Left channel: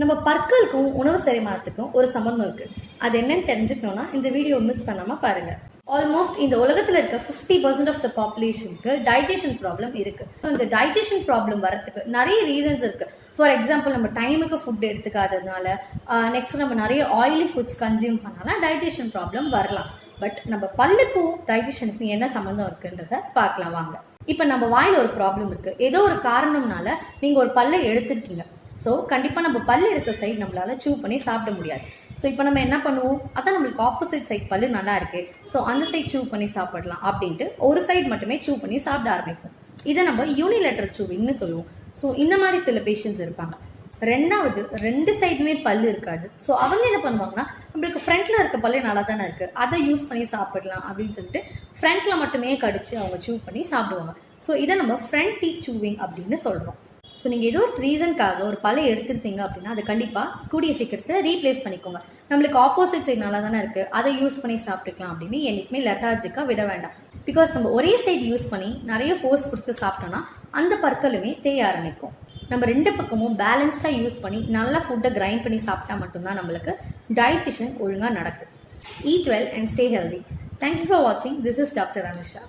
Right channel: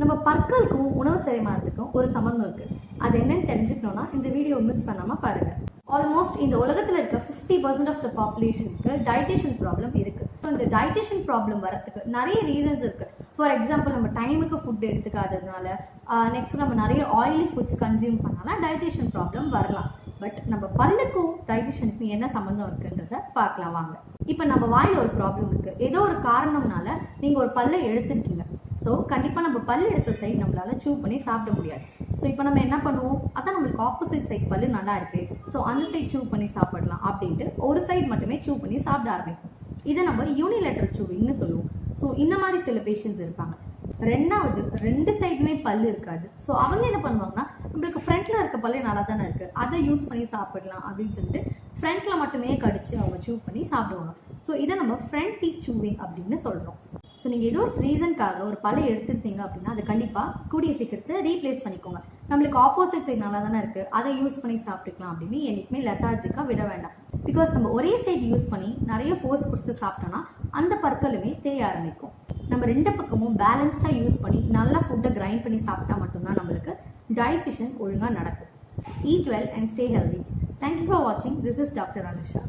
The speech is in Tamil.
நம்ம பற்களுக்கும் உணவு செரிமானத்துக்கும் ஒரு சம்பந்தம் இருக்கு. அது என்னன்னு தெரிஞ்சுக்கணும்னா இந்த வீடியோ மிஸ் பண்ணாம பாருங்க. ஆல்மோஸ்ட் இந்த உலகத்துல இருக்க 50% ஆஃப் த பாப்புலேஷனுக்கு டைஜஷன் ப்ராப்ளம் இருக்கு. இந்த டைஜஷன் ப்ராப்ளம் வரதுக்கு நிறைய ரீசன்ஸ் இருக்கு. ஃபார் எக்ஸாம்பிள், நம்ம டைமுக்கு ஃபுட் எடுத்துக்காததுனால, நெக்ஸ்ட் நம்ம நிறைய ஆயிலி ஃபுட்ஸ் கன்சியூம் பண்ணாலும் டைஜஷன் ப்ராப்ளம் வரலாம். பட் நம்ம பல்லுக்கும் டைஜஷனுக்கும் என்ன சம்மந்தம் இருக்குன்றத பார்க்கலாம் வாங்க. இப்போ நம்ம வாயில் ஒரு ப்ராப்ளம் இருக்கு, ஏதோ ஒரு காரணம்னால நீங்க ஒரு பல்லை எடுத்திருக்கீங்க. ஸோ கண்டிப்பாக நம்ம பல் எடுத்த சைட் நம்மளால சூ பண்ணி சாப்பிட முடியாது. ஸோ இப்போ நம்ம என்ன பண்ணுவோம், அதான் நம்மளுக்கு ஆப்போசிட் சைட் பல்லு நல்லா இருக்கு, ஸோ அந்த சைட் சூ பண்ணி சாப்பிடலாம் அப்படின்ட்டு ஒரு சைட் மட்டுமே சூ பண்ணி சாப்பிட ஆரம்பிப்போம். இதை நம்ம யூனிலேட்டரல் சூவிங்னு சொல்லுவோம். ஸோ இந்த மாதிரி சில பேஷண்ட்ஸ் இருப்பாங்க. ரெண்டாவது, ரெண்டு சைடுமே பல்லு இருக்காது. ஸோ அவங்க என்ன பண்ணுவாங்கன்னா, நம்மளுக்கு ஃப்ரண்ட்ல இருக்க பல்லு நல்லா தானே இருக்கு, அதை யூஸ் பண்ணி சாப்பிடலாம் அப்படின்னு சொல்லிட்டு ஃப்ரண்ட்ல மட்டுமே கடிச்சு அவங்க சூ பண்ணி சாப்பிடுவாங்க. ஸோ இதை நம்ம ஃப்ரண்ட் டீத் சூவிங் அப்படின்னு சொல்றோம். ஸோ நீங்கள் ஏதோ ஒரு ரீசனுக்காக ஒரு பல்லை எடுத்துருந்தீங்க அப்படின்னா அதை கண்டிப்பாக கூடிய சீக்கிரத்தில் ரீப்ளேஸ் பண்ணிக்கோங்க. நம்மளுக்கு ஆப்போசிட் சைட் நல்லா தானே இருக்கு, அதை யூஸ் பண்ணி சாப்பிட்டுக்கலாம் அப்படின்னு என்னைக்குமே லெத்தார்ஜிக்காக விட வேண்டாம். பிகாஸ் நம்ம ஒரே சைடு யூஸ் பண்ணி நிறைய ஃபோர்ஸ் கொடுத்து சாப்பிட்டோம்னா அந்த பற்களுமே தேய ஆரம்பிக்கும். நம்ம ரெண்டு பக்கமும் பேலன்ஸ்டாக யூஸ் பண்ணி நல்லா ஃபுட்டை கிரைண்ட் பண்ணி சாப்பிட்டா மட்டும்தான் நம்மளுக்கு டைஜஷன் ஒழுங்காக நடக்கும். Eat well and stay healthy. Thank you for watching. This is Dr. Anusha.